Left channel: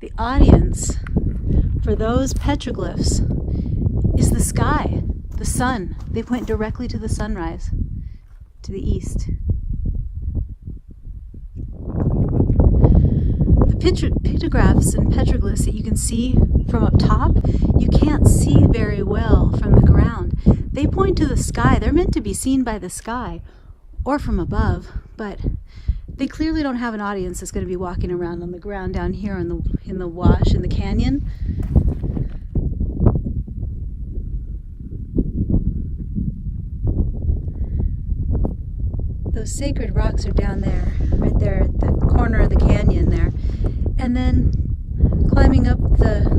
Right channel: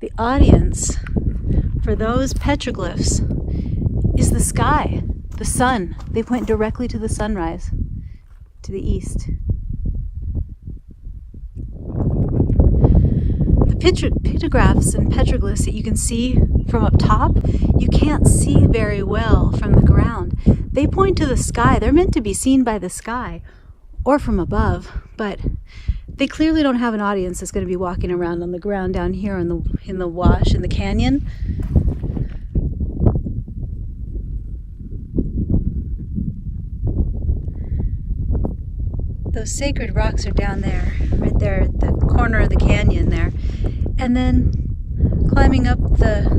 The audience for those petroglyphs is the sky, the sun. They point directly to the sunrise, to the east. The pictographs and petroglyphs that you can see from up top, you can't see very well from the ground. They point to the sky. They're meant to be seen by the sky or from above, but they clearly don't have an audience that's going to be walking around on the ground down here in the wash, in the canyon. Those sacred rocks are down there, right there at the corner of the canyon there. And then climbing up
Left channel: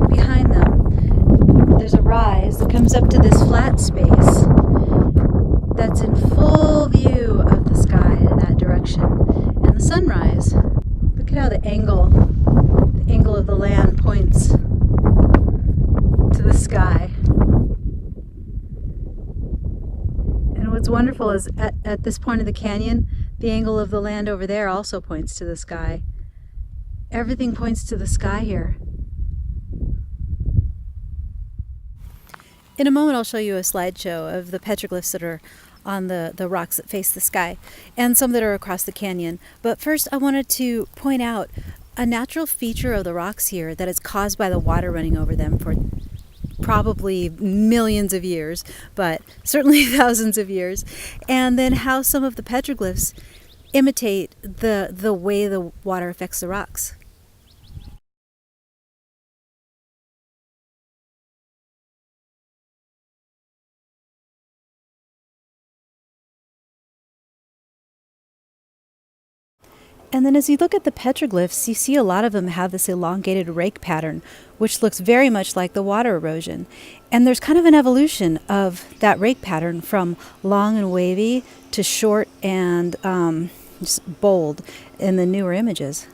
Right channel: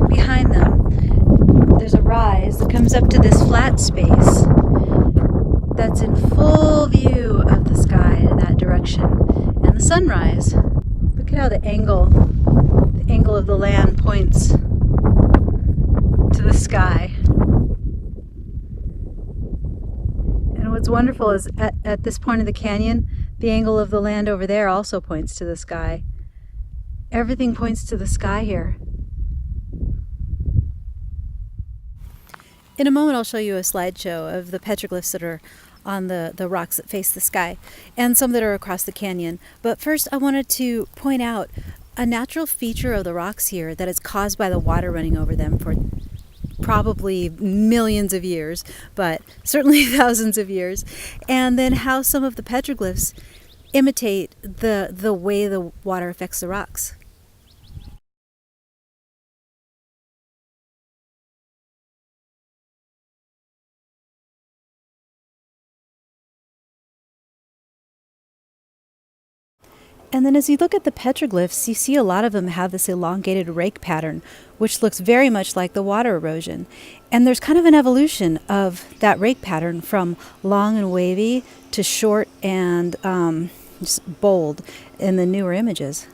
behind them, there's a rise that comes up to this flat space that's in full view of the sky in that direction and the sunrise. Look at how the angle of the land points to the sky. And what's wonderful is at this point of the canyon, the angle of the land over there also points to the sky. Everything points to the sky here. In a moment I'll show you a slideshow of the petroglyphs that are on the rocks that face the sky and some that are across the canyon. But first I wanted to point out a natural feature of the rocks here that is caused by the water running over them for probably millions of years, but certainly thousands of years. And then how some of the petroglyphs imitate the way the water affects the rocks. And then as you look at the petroglyphs, you see a lot of them have this elongated rake pattern, which looks very much like the water erosion. And there's kind of an evolution of that rake pattern from long and wavy to short and just bold in the newer images.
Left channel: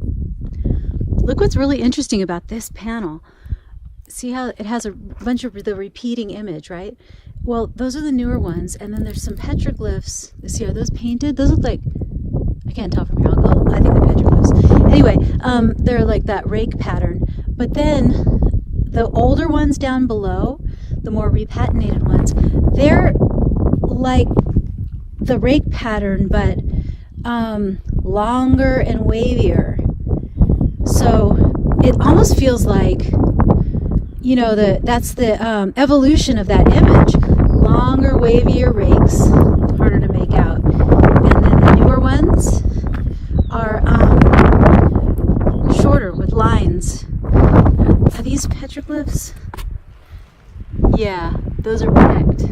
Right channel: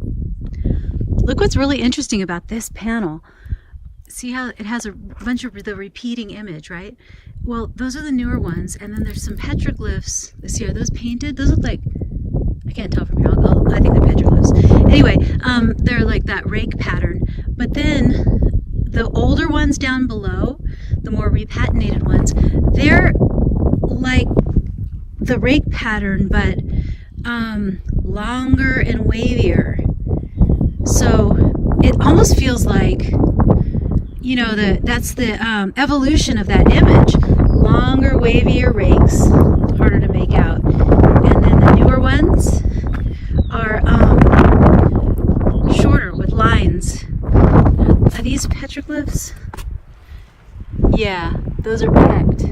Look what's really interesting about this panel. See how it has a bunch of the repeating image, right? Well, those are the newer ones, and then there's some petroglyphs. See, are those painted? Those look like, I can't tell from here. I think they're petroglyphs. Anyway, they're like that rake pattern. But then the older ones down below, the more repatinated ones, they're like the rake pattern, but longer and wavier. So it almost feels like, you know, that's the evolution of that image. Longer, wavier rakes, harder to make out. And then the newer ones are shorter with lines. Are these petroglyphs? Yeah, those are pecked.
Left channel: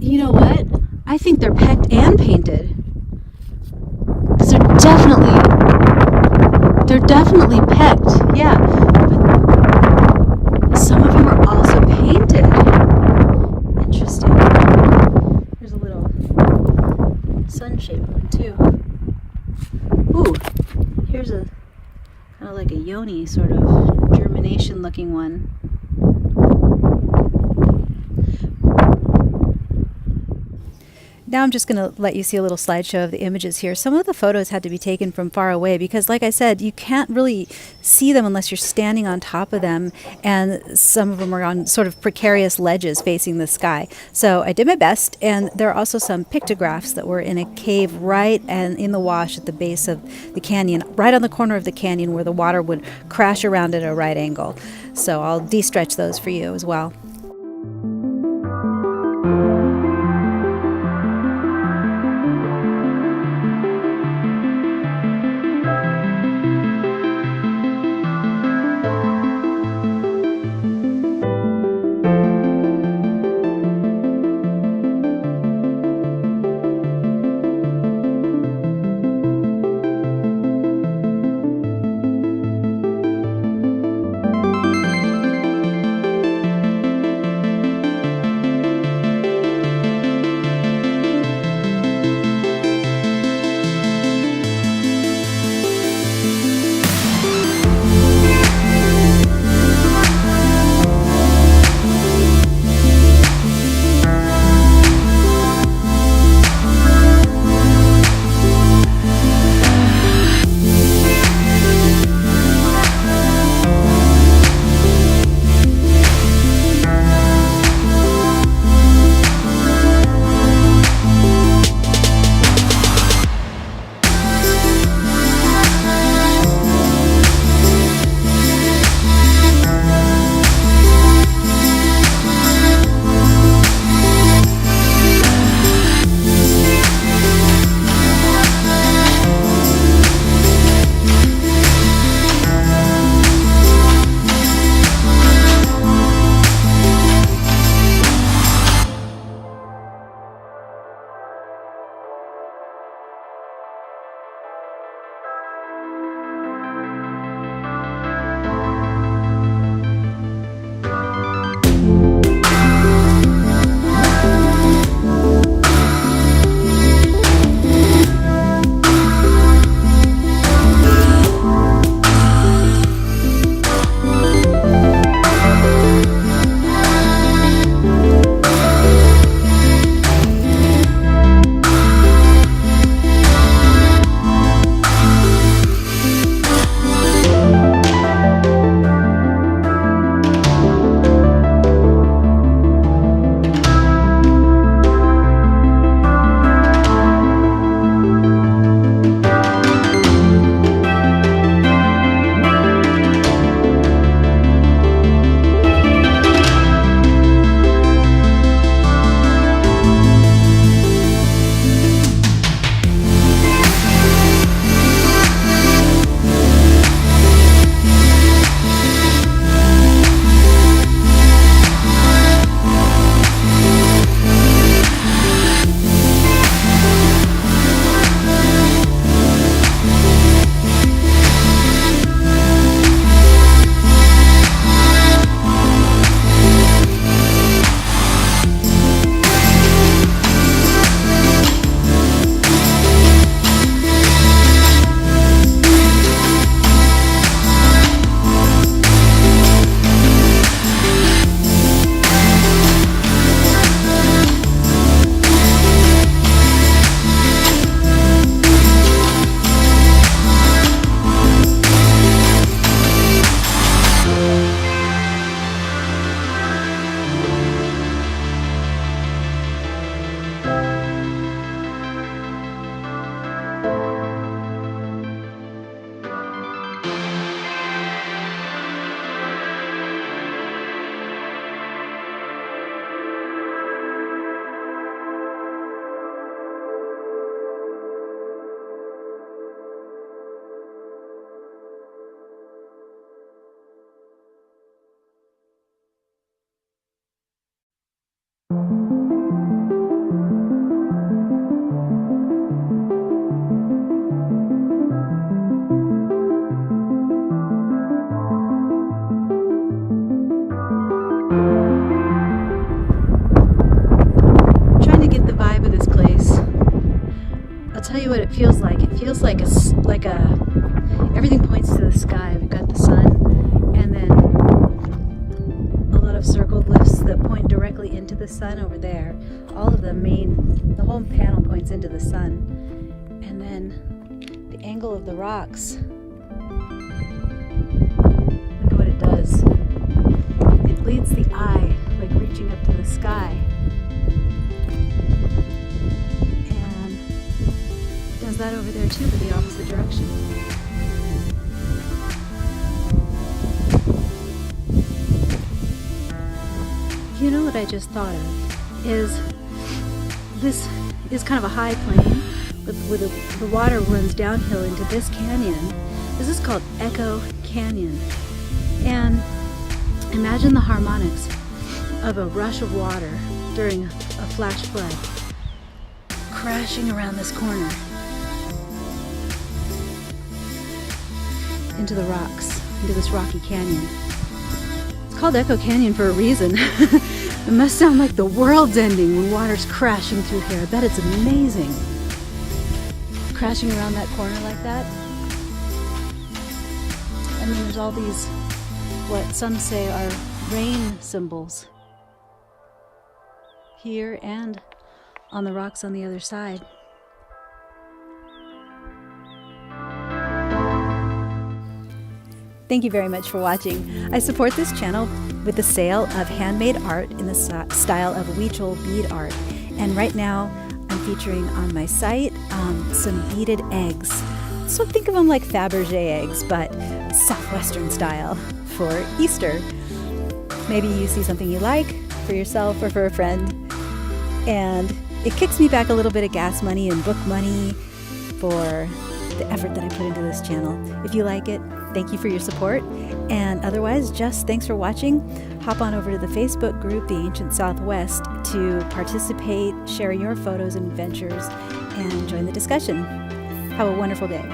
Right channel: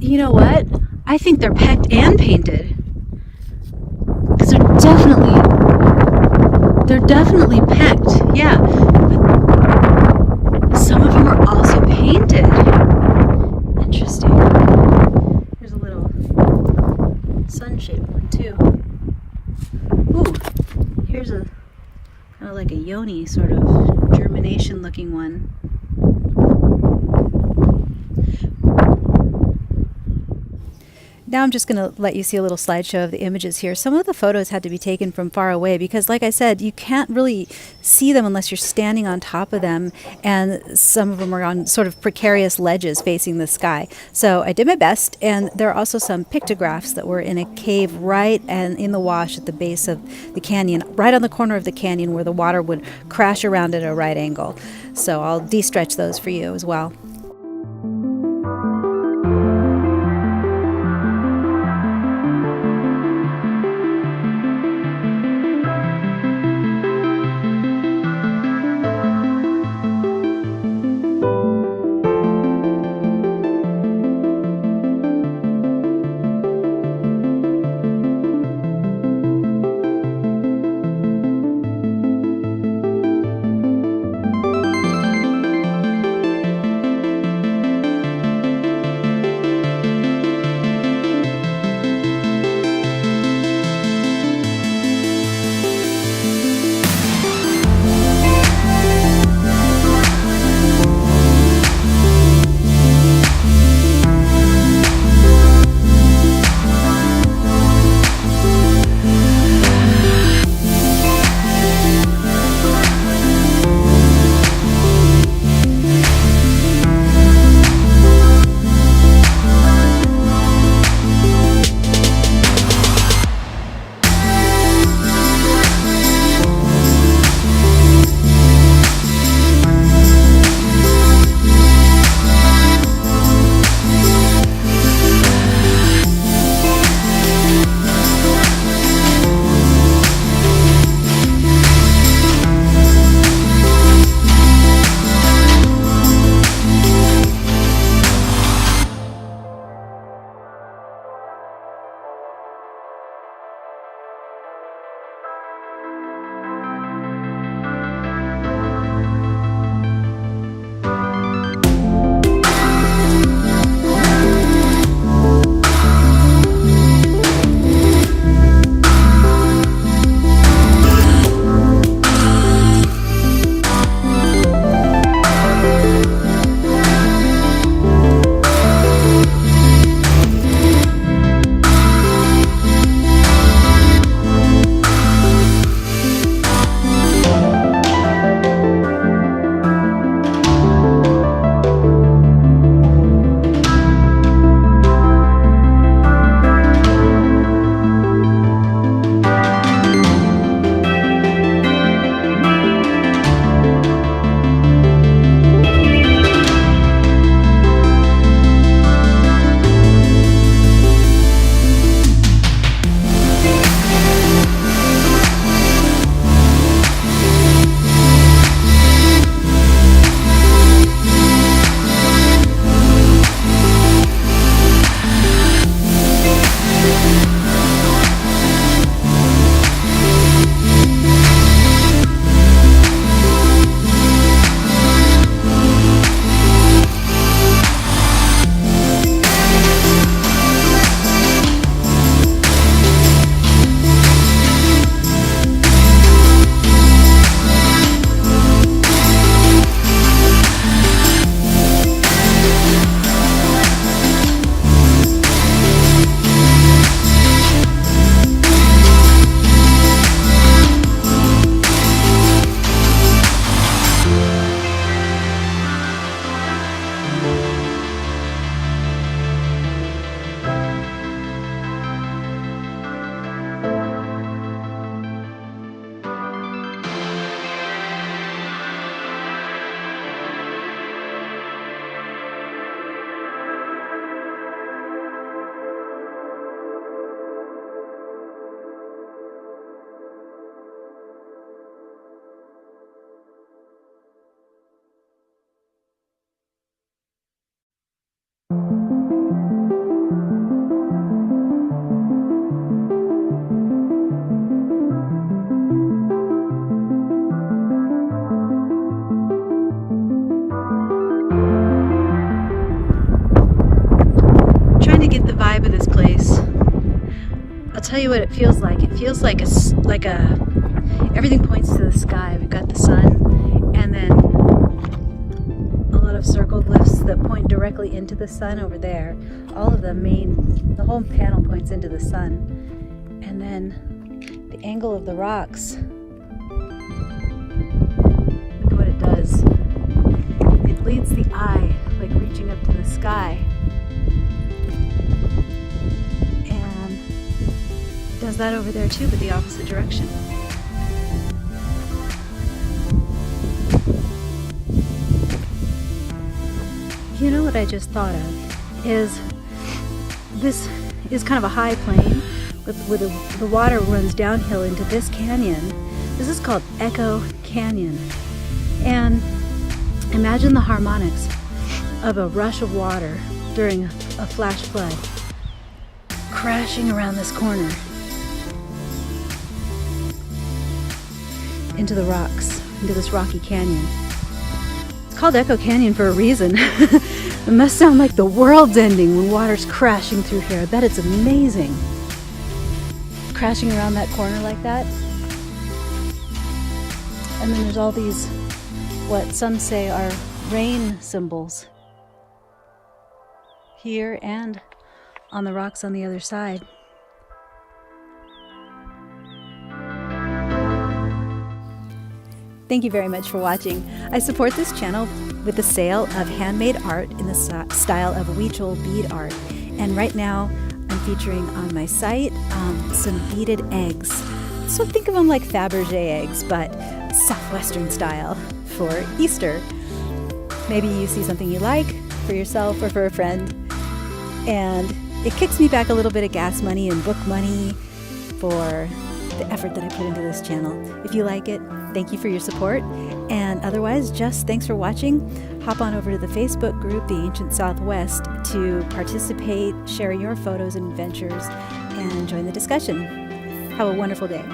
You know what? I think they're pecked and painted. Because they're definitely pecked, yeah. But some of them are also painted. Interesting. There's a little sun-shaped one too. Ooh, here's a kind of like a yoni sort of germination-looking one. Now I'm just going to let you see a little slideshow of the images here. Some of the photos had to be taken from far away because, like I said, you can't really see them unless you're standing on top of them, and some of them are on sort of precarious ledges facing the sky. So I did my best, and there are also some pictographs that were in a cave right and in the wash at the base of the canyon, right on the corner of the canyon where the water would crash around at a right angle. So I'll de-stretch those for you as well. tell you what it feels like. It feels like everything points to the sky. We've got the sun, and then a lot of circle glyphs that point directly into the sun over there. All of the whole panel points into the sun. And then the angle of the rocks. Look at what it does. It leads the eye, like reaching up to the sky. And it does that over there too, but the opposite direction. You know what I just thought of is this is kind of a high plain with the water runs downhill into this canyon. This is called Echo Canyon. And imagine the harmonics of a rush of water during a flash flood crashing around this corner into the rocks, into this rocky canyon. It's called Echo Canyon for a reason. It must sound like the world's ending when water's crashing through here. I bet it's amazing. Crashing around that corner like that. And then there's all these, what some say are rain symbols. Here and on the rocks on the other side. Thank you very much for watching. I support this channel with the sale of handmade art in the style of Huichol bead art. And right now I'm featuring on my site some beaded eggs. So think of them like Fabergé eggs, but Southwestern style for Easter. Maybe you see something you like for yourself or for a friend, and it kicks me back a little bit of gas money and book money for the effort that I put into this channel. If you like it, thank you for your support, and otherwise, just thanks for watching. Hop on over to the Facebook group, The Ancient Southwest, to participate, share your photos and adventures, and join the discussion. Have a wonderful day.